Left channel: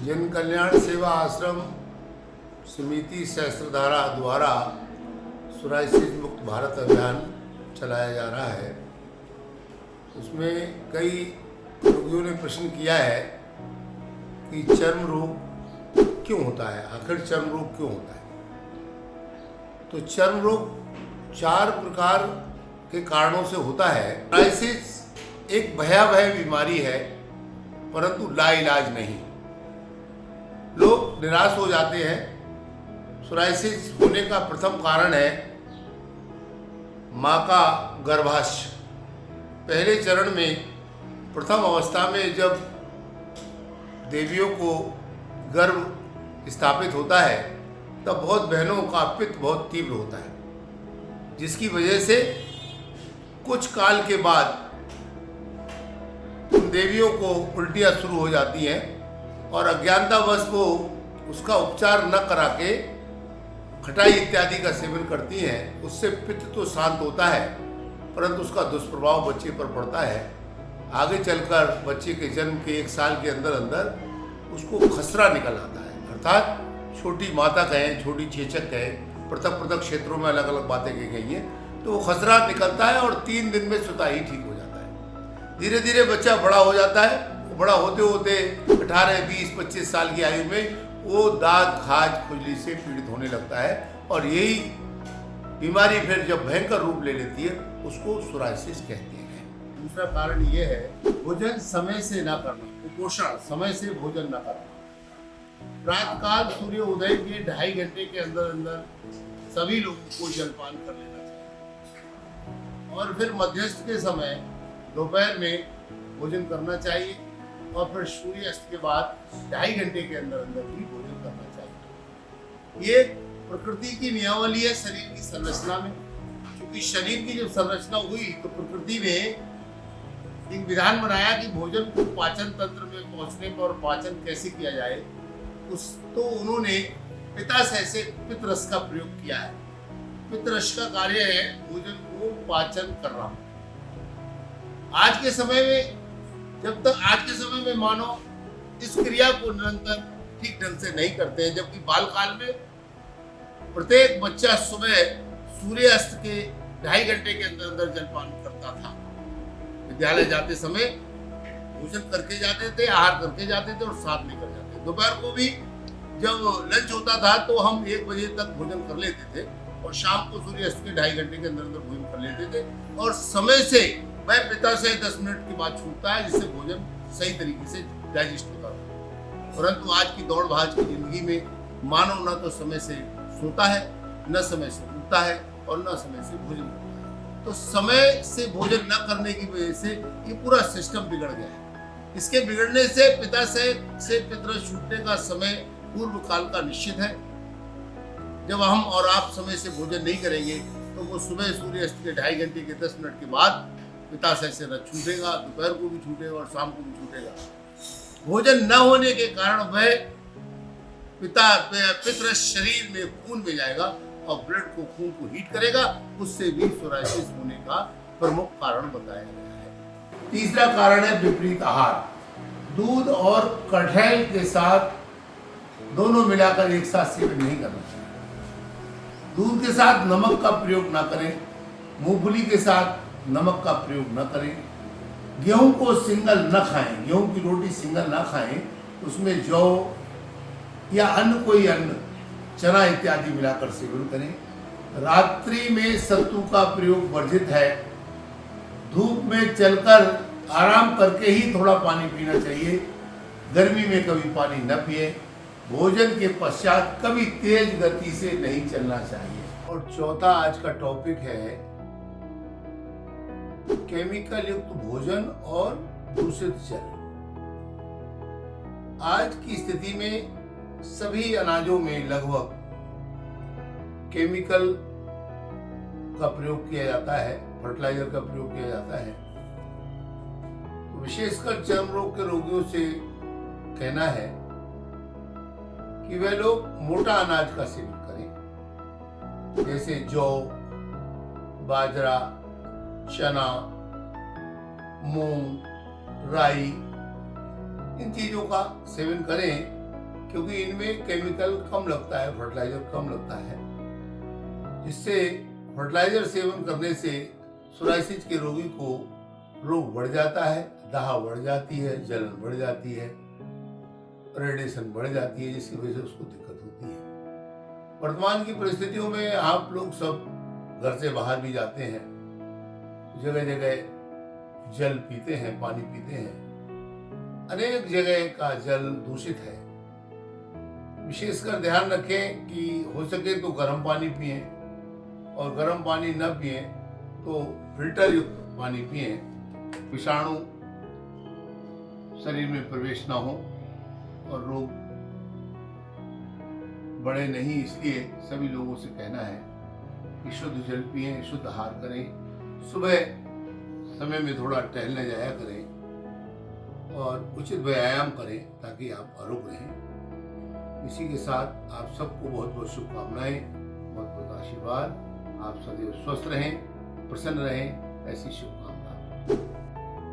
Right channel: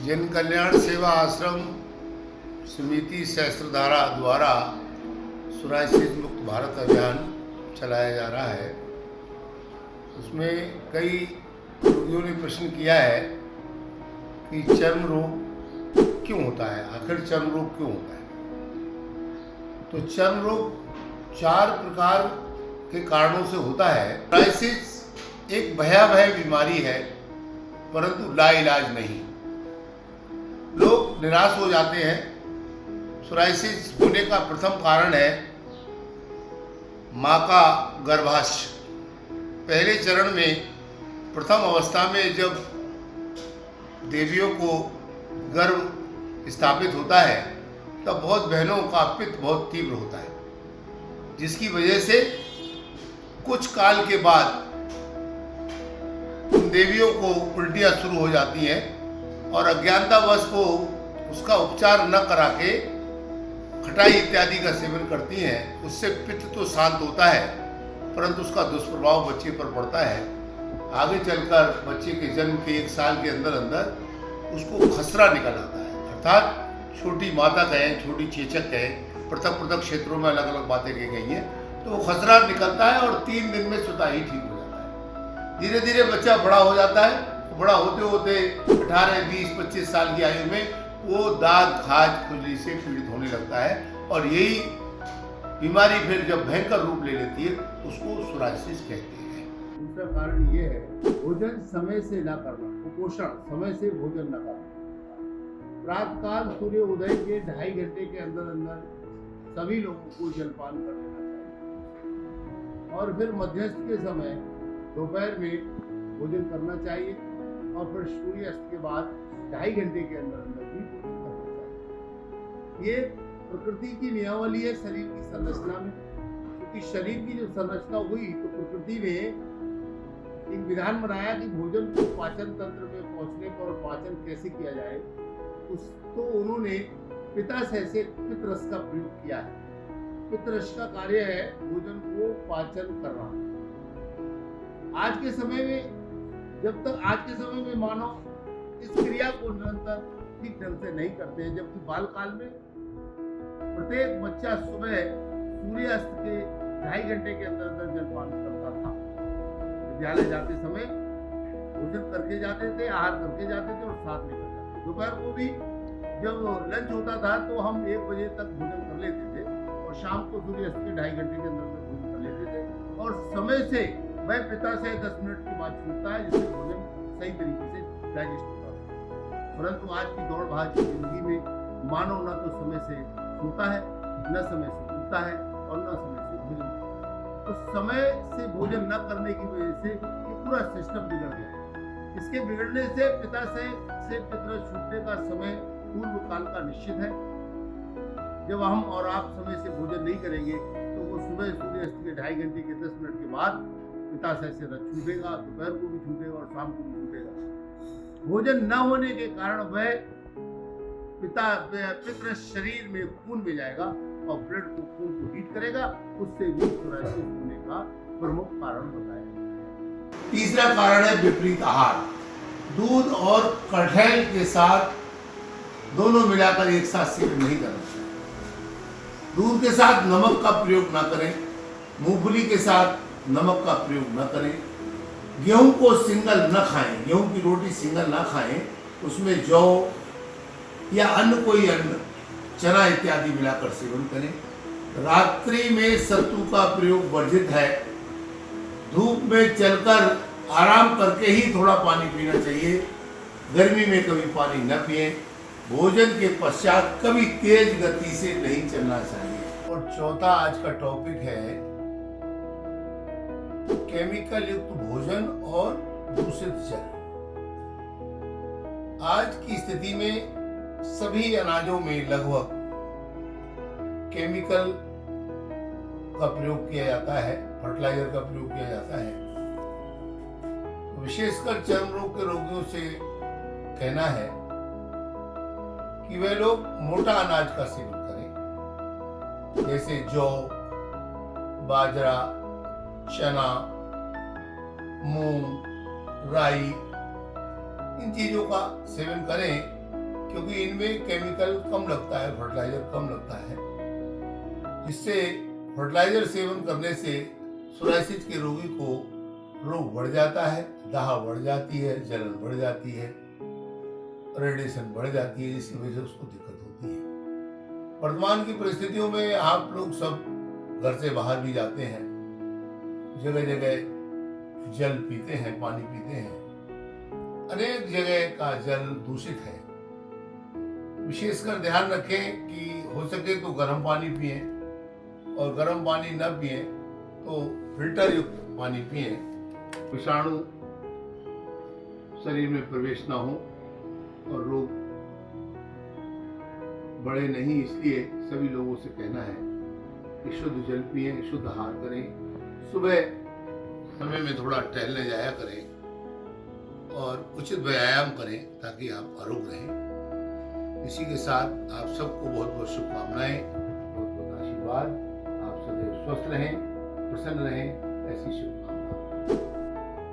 जन कल्याण सेवा आश्रम समिति सहस्त्रधारा द्वारा सोराइसिस मुक्त भारत अभियान चलाया जा रहा है। उसमें कई रोगियों ने प्रश्न किया है कि चर्म रोग क्यों होता है, आखिर चर्म रोग क्यों होता है। तो चर्म रोग 4 प्रकार के कारणों से होता है। सोराइसिस एक भयावह बीमारी है, परंतु लाइलाज नहीं। लोग निराश हो जाते हैं। सोराइसिस होने का प्रथम कारण है माँ का गर्भाशय। पहले चरण में, प्रथम अवस्था में जब देवियों को गर्भ स्थापित होता है, तब बहुत बहनों का पित्त बहुत तीव्र होता है, जिसकी वजह से कुछ काल के बाद उन देवियों को उल्टियाँ शुरू हो जाती हैं और अज्ञानतावश को उसका उपचार न करा के खटाई इत्यादि का सेवन करती हैं। उससे पित्त तो शांत होता है, परंतु उसका दुष्प्रभाव बच्चे पर पड़ता है। आगे चलकर बच्चे के जन्म के 1 साल के अंदर अंदर उसको खसरा निकल आता है, अर्थात छोटी माता कहें, छोटी छेचक कहें, पृथक पृथक क्षेत्रों में अलग अलग बातें कही गई हैं। तो वो खसरा निकलता है और 3 दिन में स्वतः ही ठीक हो जाता है। धीरे धीरे बच्चा बड़ा हो जाता है। बड़ा होते होते 18, 20, 25 साल की आयु में वो दाद, खाज, खुजली से पीड़ित होने लगता है और यही बीमारी फिर जब भयंकर रूप ले लेती है उसको सोराइसिस कहते हैं। दूसरा कारण ये है भोजन समय से ना करना, कुपोषण, समय से भोजन ना करना। प्रातःकाल सूर्य उदय के 2.5 घंटे के अंदर अंदर सभी लोगों को जलपान कर लेना चाहिए और फिर मध्यस्थ के समय दोपहर में भोजन करना चाहिए और फिर सूर्यास्त के बाद 2.5 घंटे के अंदर अंदर भी भोजन करना चाहिए। ये प्रकृति की नियमावली है शरीर की संरचना में। क्योंकि शरीर की जब संरचना हुई तो प्रकृति ने एक विधान बनाया कि भोजन को पाचन तंत्र में पहुंचने पर और पाचन कैसे किया जाए, तो उन्होंने पित्ताशय से पित्तरस का प्रयोग किया है। पित्तरस का कार्य है भोजन को पाचन करना। आज के समय में आज के समय में मानो इस क्रिया को निरंतर ठीक ढंग से नहीं करते हैं, जबकि बाल काल में प्रत्येक बच्चा सुबह सूर्यास्त के 2.5 घंटे के अंदर अंदर जलपान करता था। विद्यालय जाते समय भोजन करके जाते थे, आहार करके जाते थे और साथ लेकर जाते थे। दोपहर को भी जब लंच होता था तो हम 1 बजे तक भोजन कर लेते थे और शाम को सूर्यास्त के 2.5 घंटे के अंदर अंदर भोजन कर लेते थे और समय से वह पित्ताशय 10 मिनट के बाद छूटता है, जिससे भोजन सही तरीके से डाइजेस्ट होता है। परंतु आज की दौड़ भाग की जिंदगी में मानव न तो समय से सोता है, न समय से उठता है और न समय से भोजन करता है। तो समय से भोजन न करने की वजह से ये पूरा सिस्टम बिगड़ गया है। इसके बिगड़ने से पित्ताशय से पित्तरस छूटने का समय पूर्व काल का निश्चित है। जब हम और आप समय से भोजन नहीं करेंगे तो वो सुबह सूर्यास्त के 2.5 घंटे के 10 मिनट के बाद पित्ताशय से न छूटेगा, दोपहर को भी छूटेगा और शाम को भी छूटेगा। भोजन न होने के कारण वह पित्तरस शरीर में खून में जाएगा और ब्लड को, खून को हीट करेगा। उससे भी सोराइसिस होने का प्रमुख कारण बताया गया है। तीसरा कारण है विपरीत आहार। दूध और कटहल के साथ दोनों मिलाकर एक साथ सेवन नहीं करना चाहिए। दूध के साथ नमक का प्रयोग न करें, मूंगफली के साथ नमक का प्रयोग न करें, गेहूं को सिंगल न खाएं, गेहूं की रोटी सिंगल न खाएं, उसमें जौ या अन्य कोई अन्न, चना इत्यादि मिलाकर सेवन करें। रात्रि में सत्तू का प्रयोग वर्जित है। धूप में चलकर आराम करके ही थोड़ा पानी पीना चाहिए। गर्मी में कभी पानी न पिएं। भोजन के पश्चात कभी तेज गति से नहीं चलना चाहिए। और चौथा आज का टॉपिक है केमिकल युक्त भोजन और दूषित जल। आज की स्थिति में सभी अनाजों में लगभग केमिकल का प्रयोग किया जाता है, फर्टिलाइजर का प्रयोग किया जाता है। विशेषकर चर्म रोग के रोगियों से कहना है कि वे लोग मोटा अनाज का सेवन करें, जैसे जौ, बाजरा, चना, मूंग, राई, इन चीजों का सेवन करें क्योंकि इनमें केमिकल कम लगता है, फर्टिलाइजर कम लगता है, जिससे फर्टिलाइजर सेवन करने से सोराइसिस के रोगी को रोग बढ़ जाता है, दाह बढ़ जाती है, जलन बढ़ जाती है, रेडिएशन बढ़ जाती है, जिसकी वजह से उसको दिक्कत होती है। वर्तमान की परिस्थितियों में आप लोग सब घर से बाहर भी जाते हैं, जगह जगह जल पीते हैं, पानी पीते हैं, अनेक जगह का जल दूषित है। विशेषकर ध्यान रखें कि हो सके तो गर्म पानी पिएं, और गर्म पानी न पिएं तो फिल्टर युक्त पानी पिएं, विषाणु शरीर में प्रवेश ना हो और रोग बढ़े नहीं। इसलिए सभी लोगों से कहना है कि शुद्ध जल पिएं, शुद्ध आहार करें, सुबह समय में थोड़ा टहलने जाया करें और उचित व्यायाम करें ताकि आप आरोग्य रहें। इसी के साथ आप सबको बहुत बहुत शुभकामनाएं, बहुत बहुत आशीर्वाद। आप सदैव स्वस्थ रहें, प्रसन्न रहें, ऐसी शुभकामनाएं।